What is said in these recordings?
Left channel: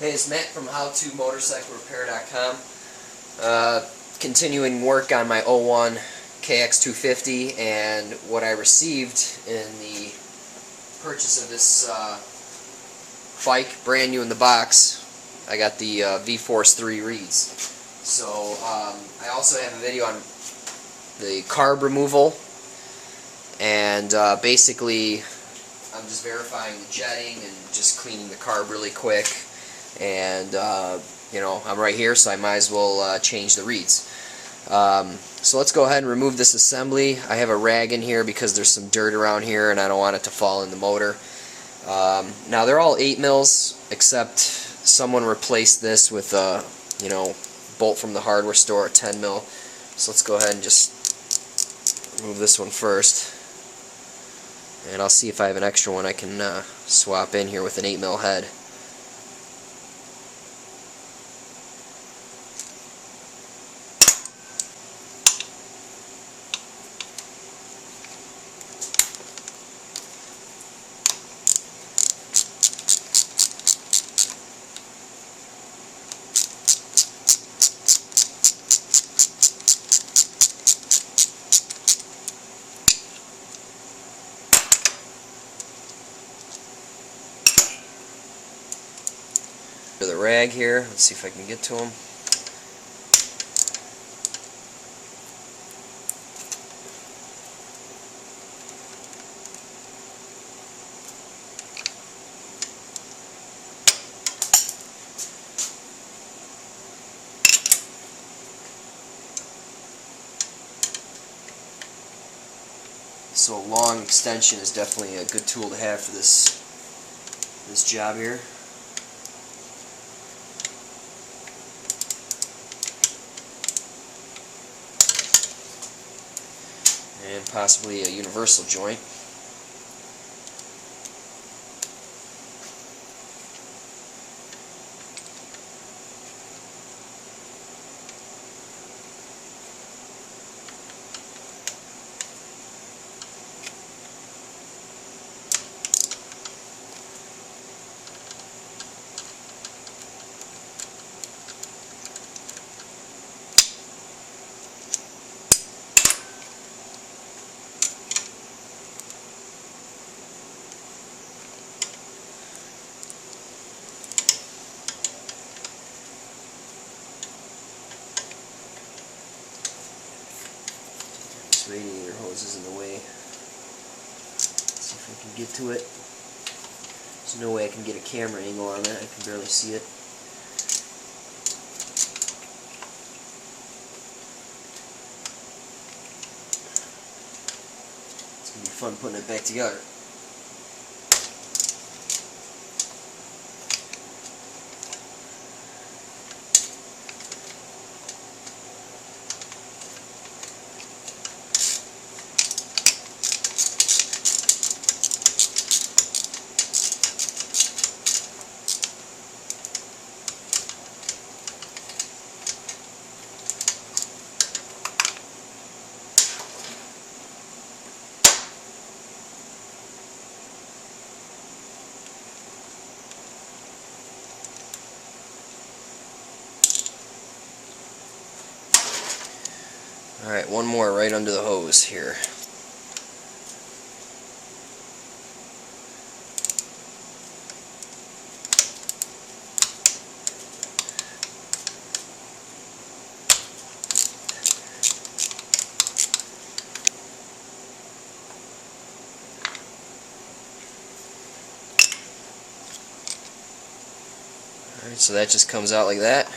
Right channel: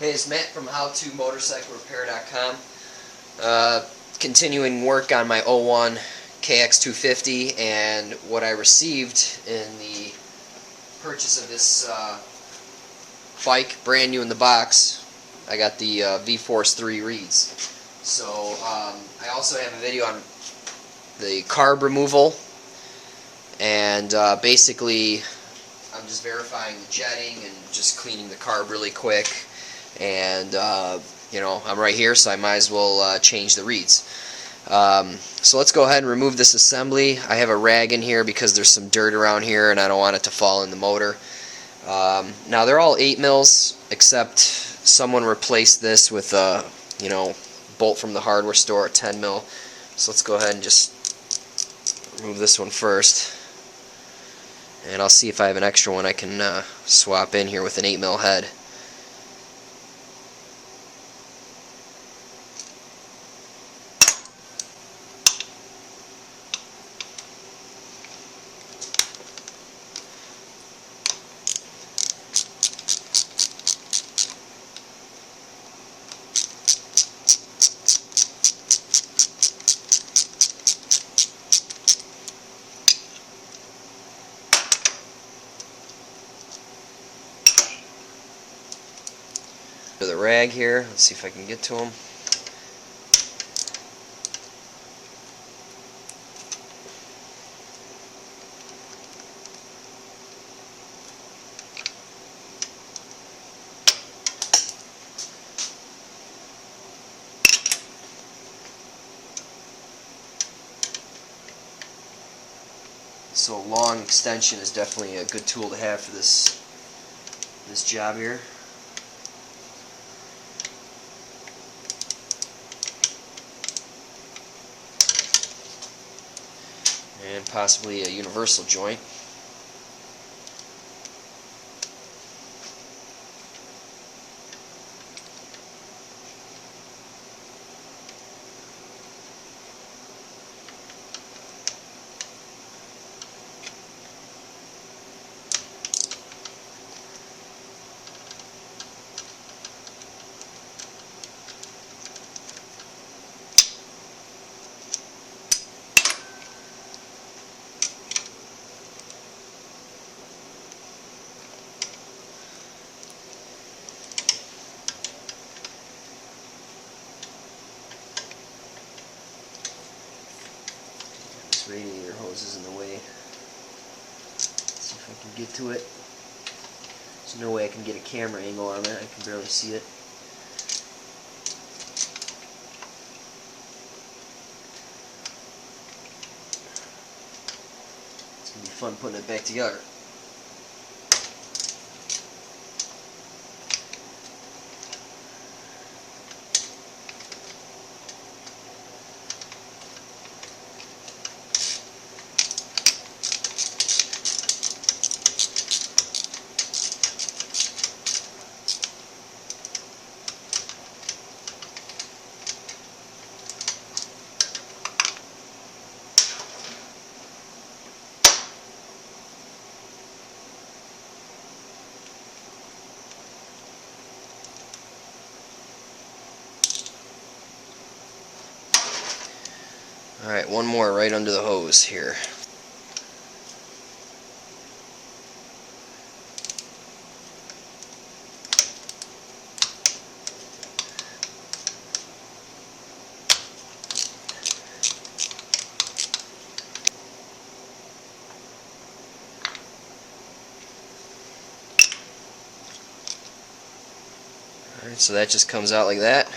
Hey, it's Matt from HowToMotorcycleRepair.com. Continuing work on my 01 KX250, and what I received in the purchase of this bike, brand new in the box. I got the VForce3 reeds. So I also have a video on the carb removal, and basically I'm just verifying the jetting and just cleaning the carb really quick. And you know, I'm right here, so I might as well change the reeds. So let's go ahead and remove this assembly. I have a rag in here because there's some dirt around here and I don't want it to fall in the motor. Now they're all 8 mils, except someone replaced this with a bolt from the hardware store at 10 mil. So let's go ahead and just remove this one first, and I'll see if I have an extra one I can swap in here with an 8 mil head. To the rag here, let's see if I can get to them. So a long extension is definitely a good tool to have for this job here. And possibly a universal joint. This radiator hose is in the way. Let's see if I can get to it. There's no way I can get a camera angle on it. I can barely see it. It's going to be fun putting it back together. Alright, one more right under the hose here. Alright, so that just comes out like that.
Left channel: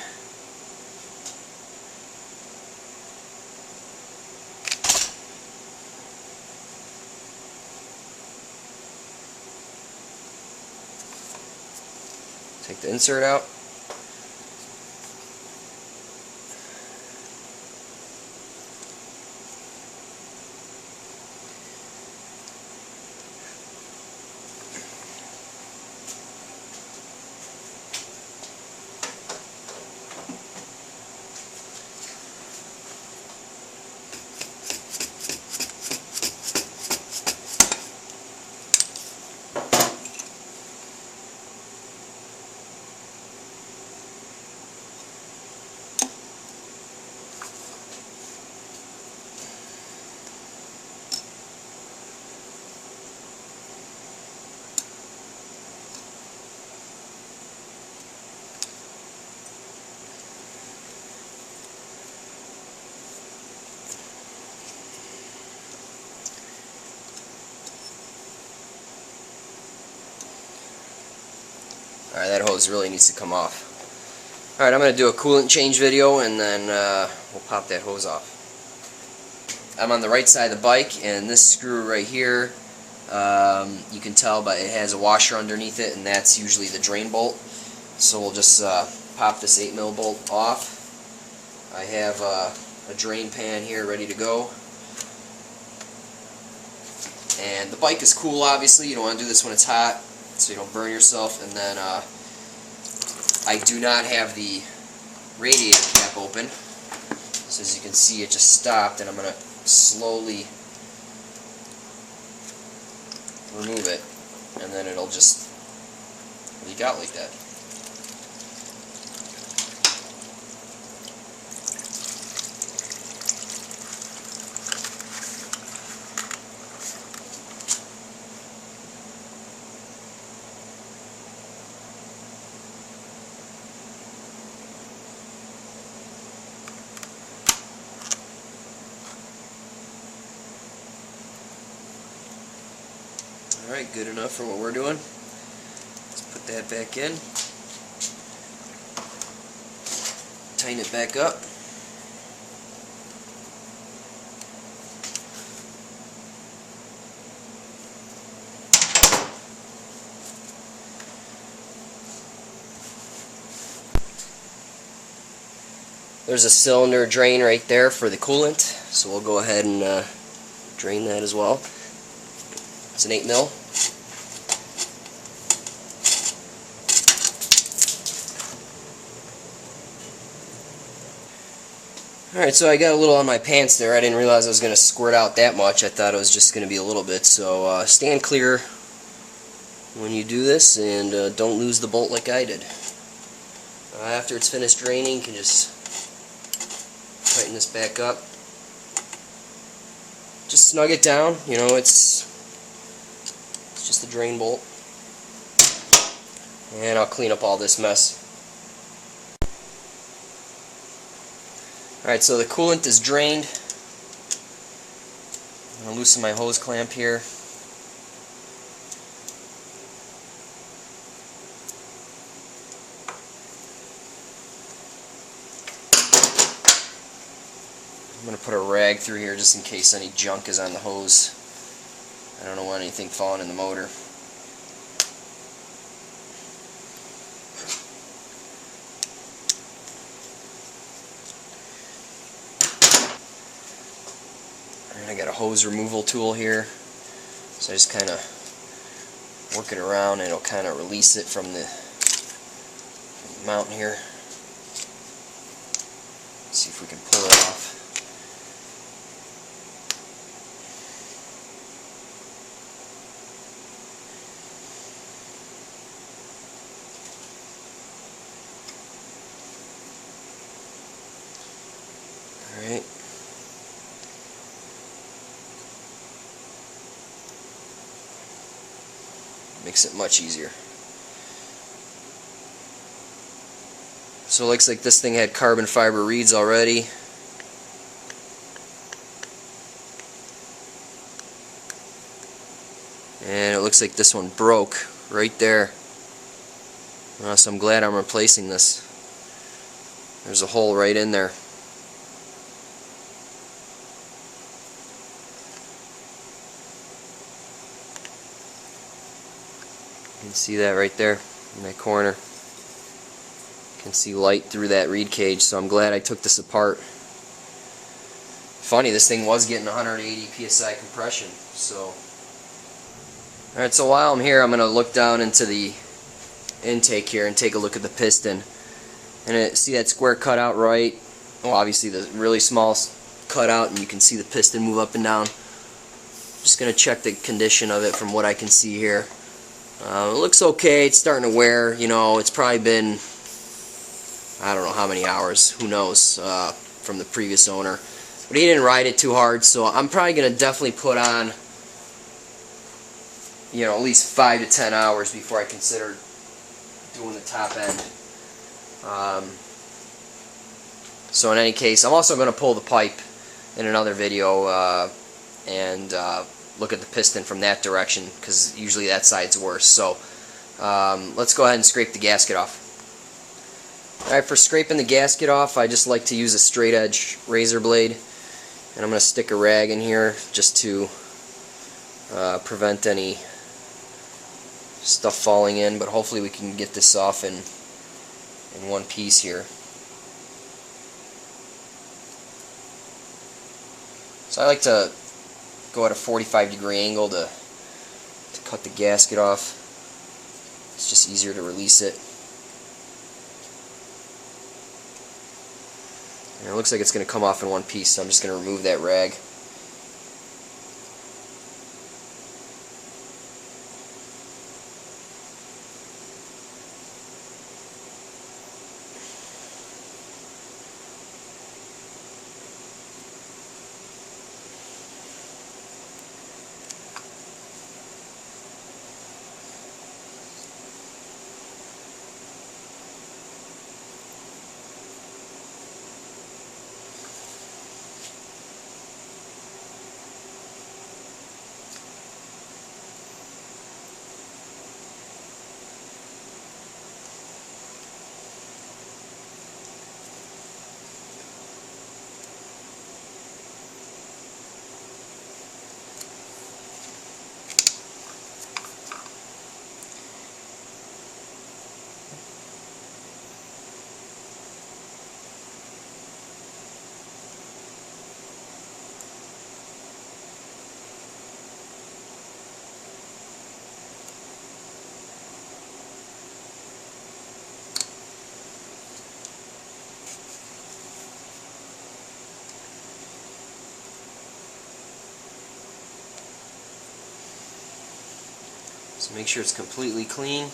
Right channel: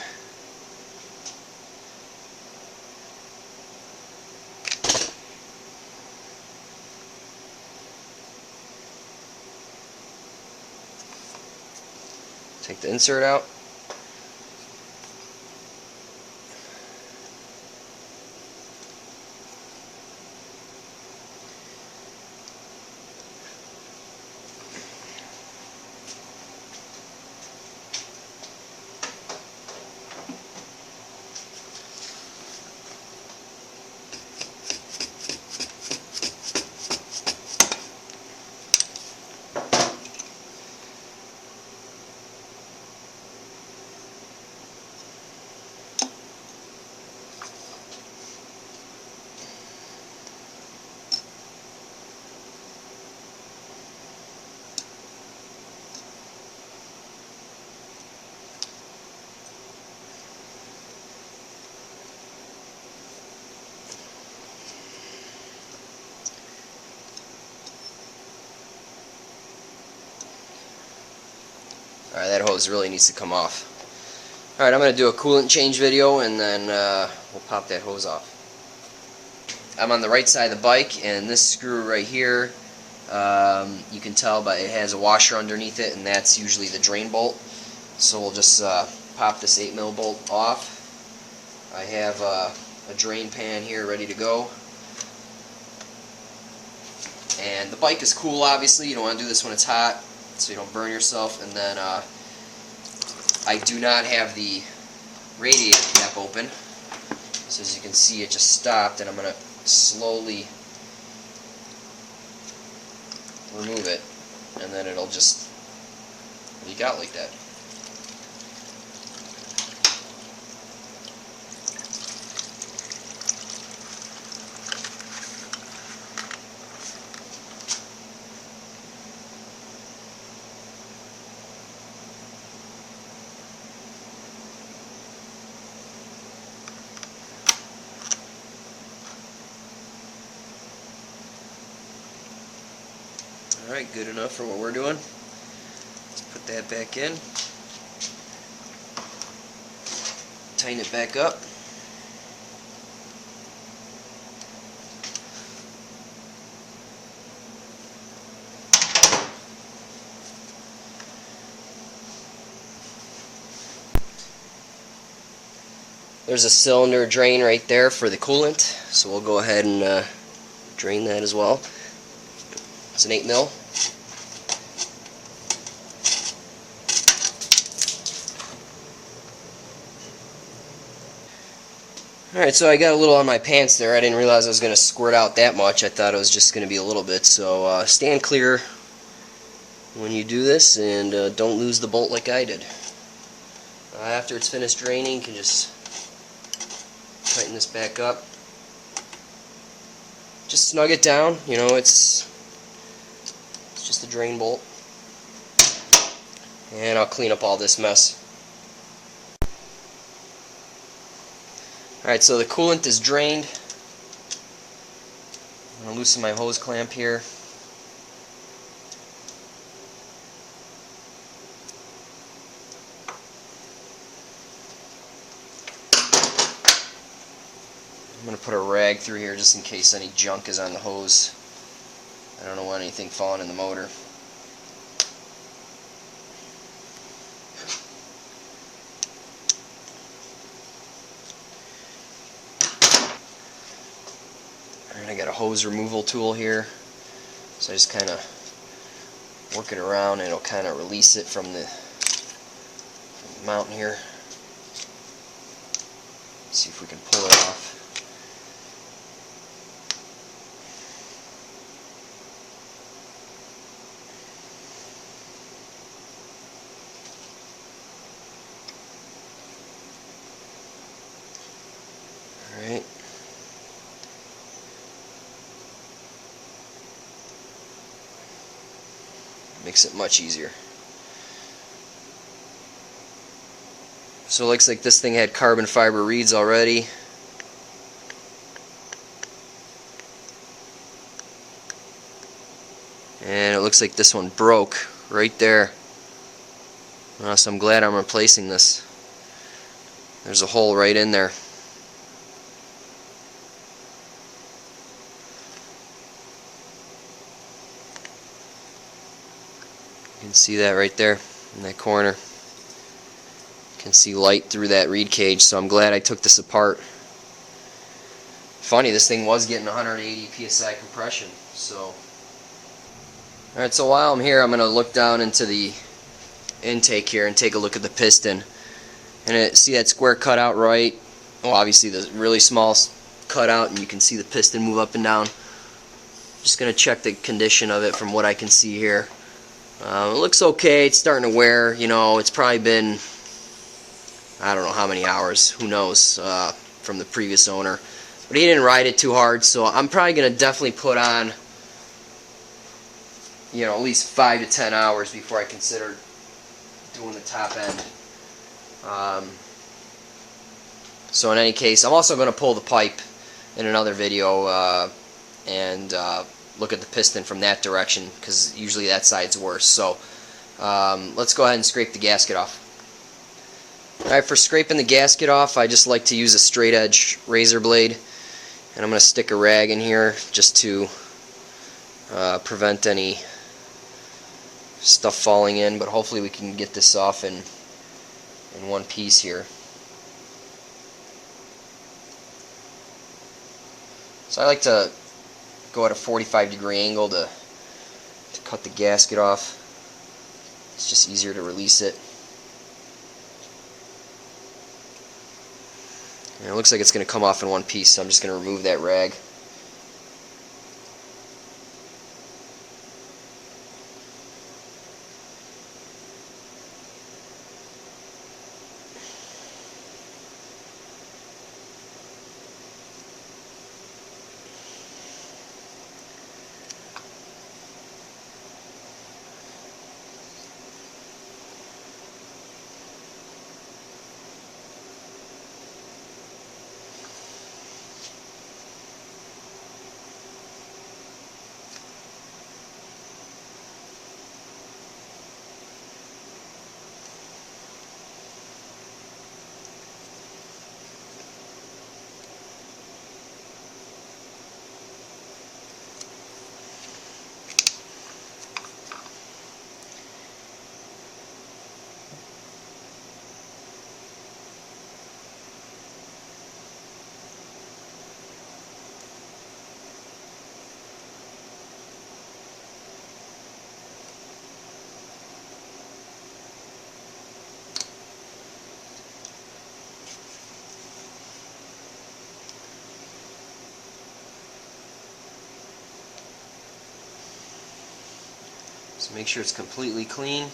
Take the insert out. Alright, that hose really needs to come off. Alright, I'm going to do a coolant change video, and then we'll pop that hose off. I'm on the right side of the bike, and this screw right here, you can tell but it has a washer underneath it, and that's usually the drain bolt. So we'll just pop this 8mm bolt off. I have a drain pan here ready to go. And the bike is cool, obviously. You don't want to do this when it's hot, so you don't burn yourself. And then I do not have the radiator cap open. So as you can see, it just stopped, and I'm going to slowly remove it, and then it'll just leak out like that. Alright, good enough for what we're doing. Let's put that back in. Tighten it back up. There's a cylinder drain right there for the coolant, so we'll go ahead and drain that as well. It's an 8mm. Alright, so I got a little on my pants there. I didn't realize I was going to squirt out that much. I thought it was just going to be a little bit. So stand clear when you do this, and don't lose the bolt like I did. After it's finished draining, you can just tighten this back up. Just snug it down. You know, it's just a drain bolt. And I'll clean up all this mess. Alright, so the coolant is drained. I'm going to loosen my hose clamp here. I'm going to put a rag through here just in case any junk is on the hose. I don't want anything falling in the motor. Alright, I got a hose removal tool here. So I just kind of work it around, and it'll kind of release it from the mount here. Let's see if we can pull it off. Alright. Makes it much easier. So it looks like this thing had carbon fiber reeds already. And it looks like this one broke right there. So I'm glad I'm replacing this. There's a hole right in there. You can see that right there in that corner. You can see light through that reed cage, so I'm glad I took this apart. Funny, this thing was getting 180 psi compression. So, alright, so while I'm here, I'm going to look down into the intake here and take a look at the piston. And see that square cutout right? Well, obviously the really small cutout, and you can see the piston move up and down. Just going to check the condition of it from what I can see here. It looks okay. It's starting to wear. You know, it's probably been, I don't know how many hours, who knows, from the previous owner. But he didn't ride it too hard, so I'm probably going to definitely put on, you know, at least 5 to 10 hours before I consider doing the top end. So in any case, I'm also going to pull the pipe in another video and look at the piston from that direction, because usually that side's worse. So Let's go ahead and scrape the gasket off. Alright, for scraping the gasket off, I just like to use a straight edge razor blade, and I'm going to stick a rag in here just to prevent any stuff falling in, but hopefully we can get this off in one piece here. So I like to go at a 45-degree angle to cut the gasket off. It's just easier to release it. And it looks like it's going to come off in one piece, so I'm just going to remove that rag. So make sure it's completely clean.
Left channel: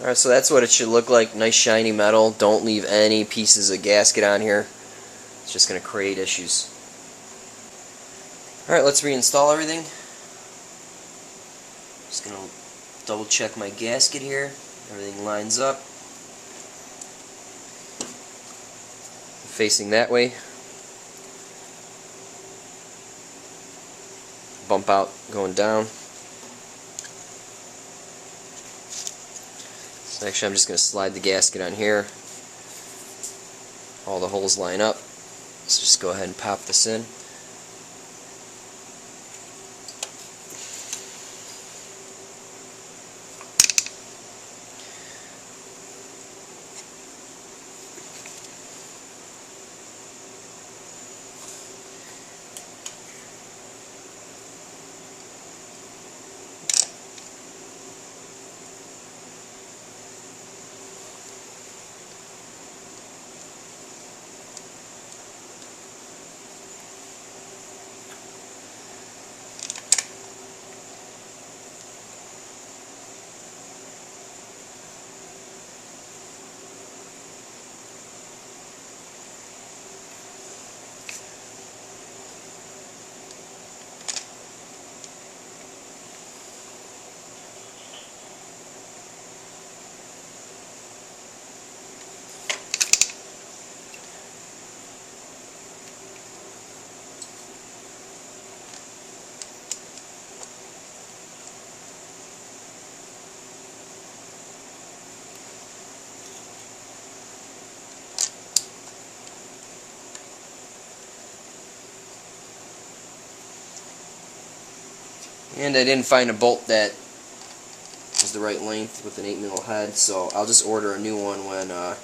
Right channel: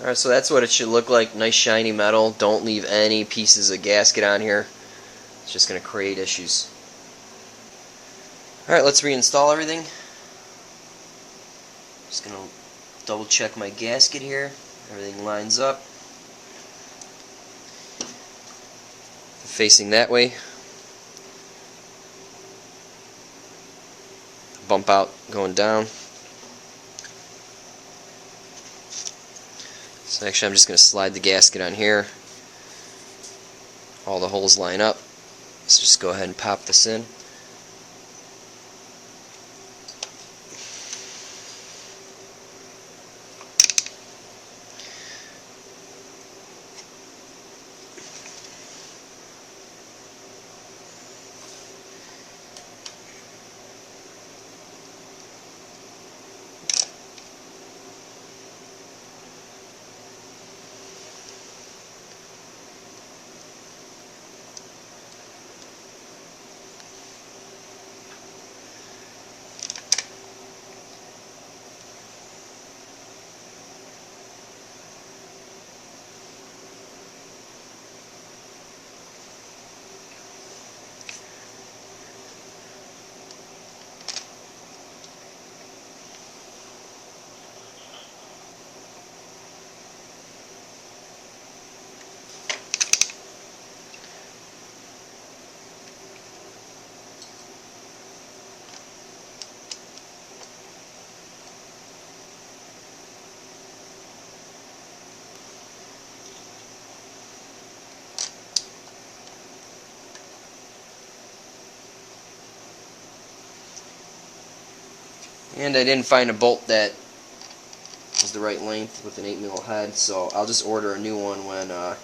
Alright, so that's what it should look like. Nice shiny metal. Don't leave any pieces of gasket on here. It's just going to create issues. Alright, let's reinstall everything. Just going to double check my gasket here. Everything lines up. Facing that way. Bump out going down. So actually I'm just going to slide the gasket on here. All the holes line up. So just go ahead and pop this in. And I didn't find a bolt that is the right length with an 8mm head, so I'll just order a new one when I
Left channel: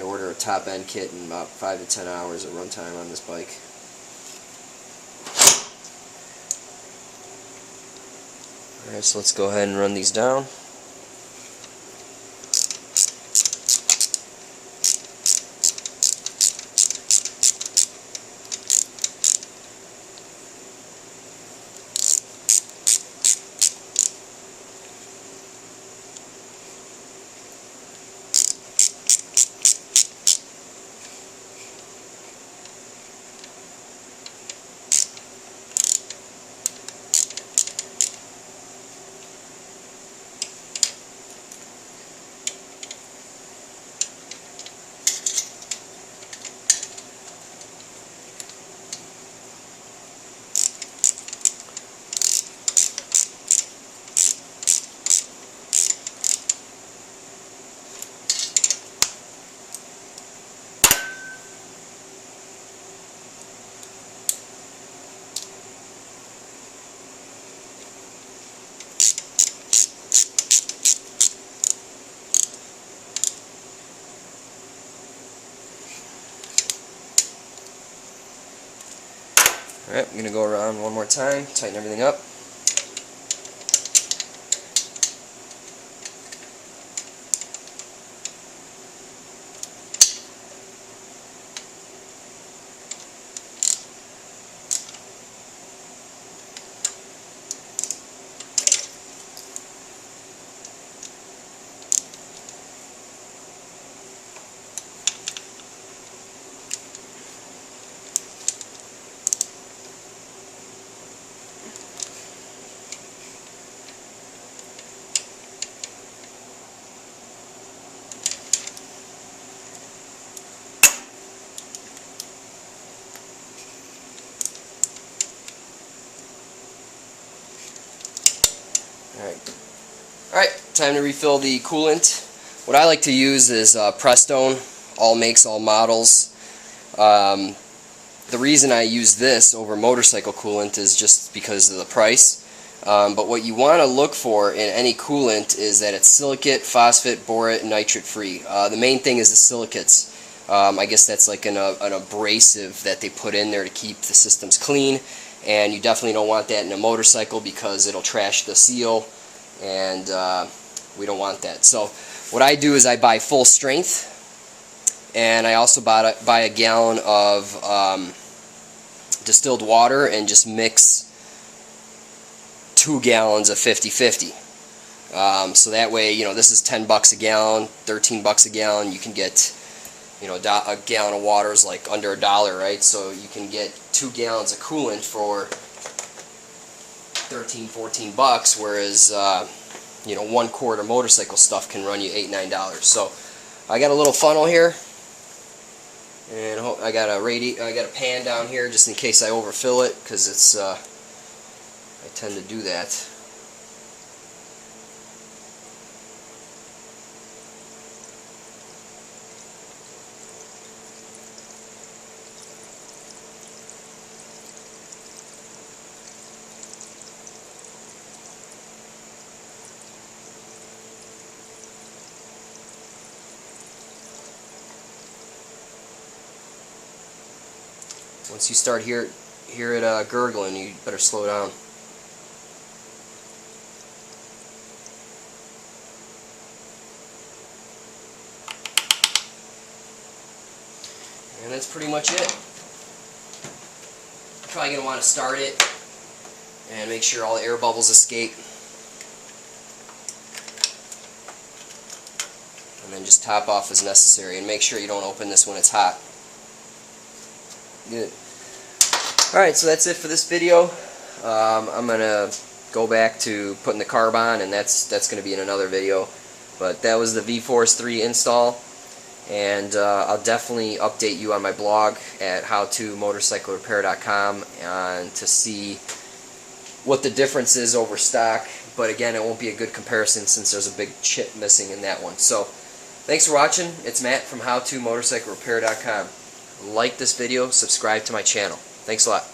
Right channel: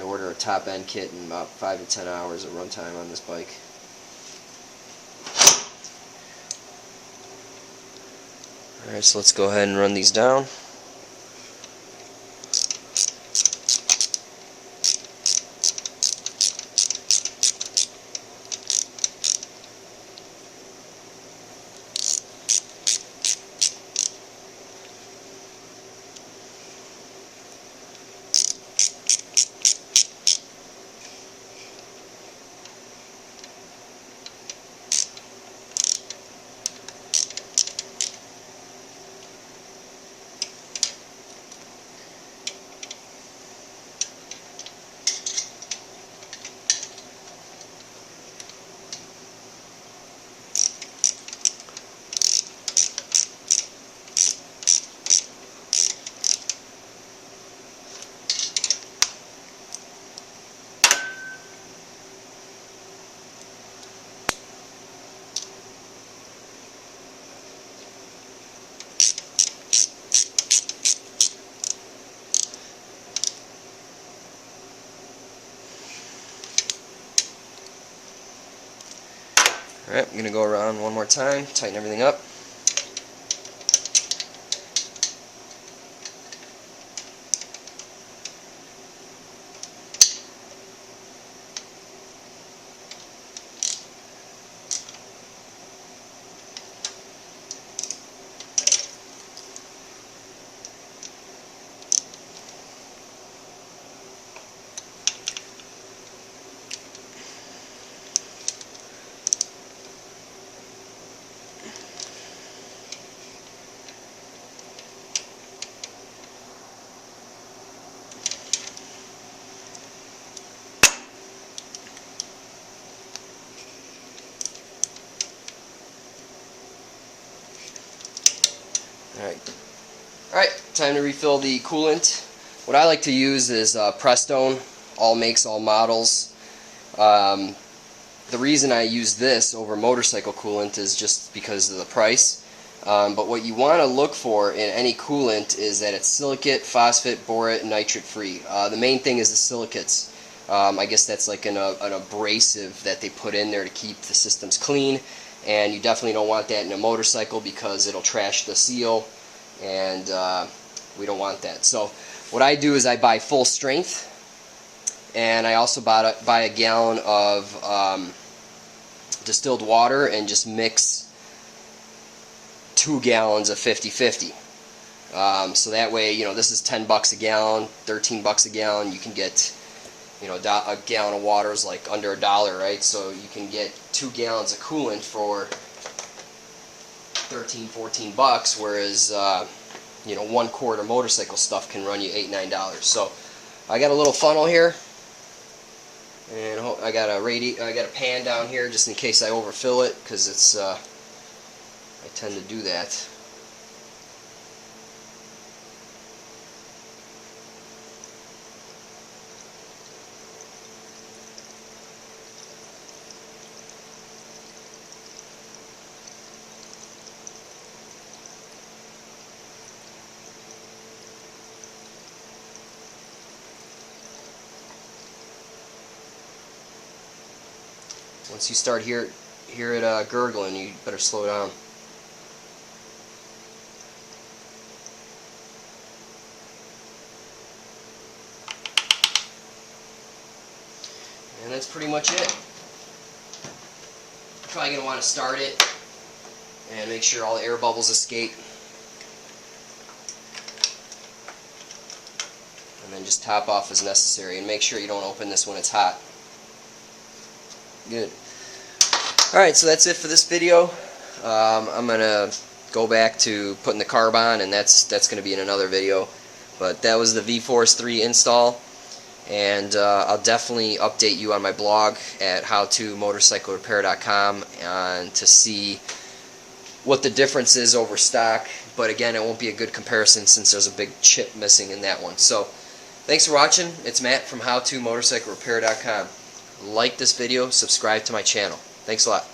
order a top end kit in about 5 to 10 hours of runtime on this bike. Alright, so let's go ahead and run these down. Alright, I'm going to go around one more time, tighten everything up. Alright, time to refill the coolant. What I like to use is Piston, all makes, all models. The reason I use this over motorcycle coolant is just because of the price. But what you want to look for in any coolant is that it's silicate, phosphate, borate, and nitrate free. The main thing is the silicates. I guess that's like an abrasive that they put in there to keep the systems clean. And you definitely don't want that in a motorcycle because it'll trash the seal, and we don't want that. So what I do is I buy full strength, and I also buy a gallon of distilled water and just mix 2 gallons of 50/50. So that way, you know, this is $10 a gallon, $13 a gallon. You can get, you know, a gallon of water is like under $1, right? So you can get 2 gallons of coolant for $13-14, whereas you know, 1 quart of motorcycle stuff can run you $8-9. So I got a little funnel here, and I got a pan down here just in case I overfill it, because it's I tend to do that. Once you start hear it gurgling, you better slow down. And that's pretty much it. You're probably going to want to start it and make sure all the air bubbles escape. And then just top off as necessary, and make sure you don't open this when it's hot. Good. Alright, so that's it for this video. I'm going to go back to putting the carb on, and that's going to be in another video. But that was the VForce3 install, and I'll definitely update you on my blog at howtomotorcyclerepair.com to see what the difference is over stock. But again, it won't be a good comparison since there's a big chip missing in that one. So thanks for watching. It's Matt from howtomotorcyclerepair.com. Like this video, subscribe to my channel. Thanks a lot.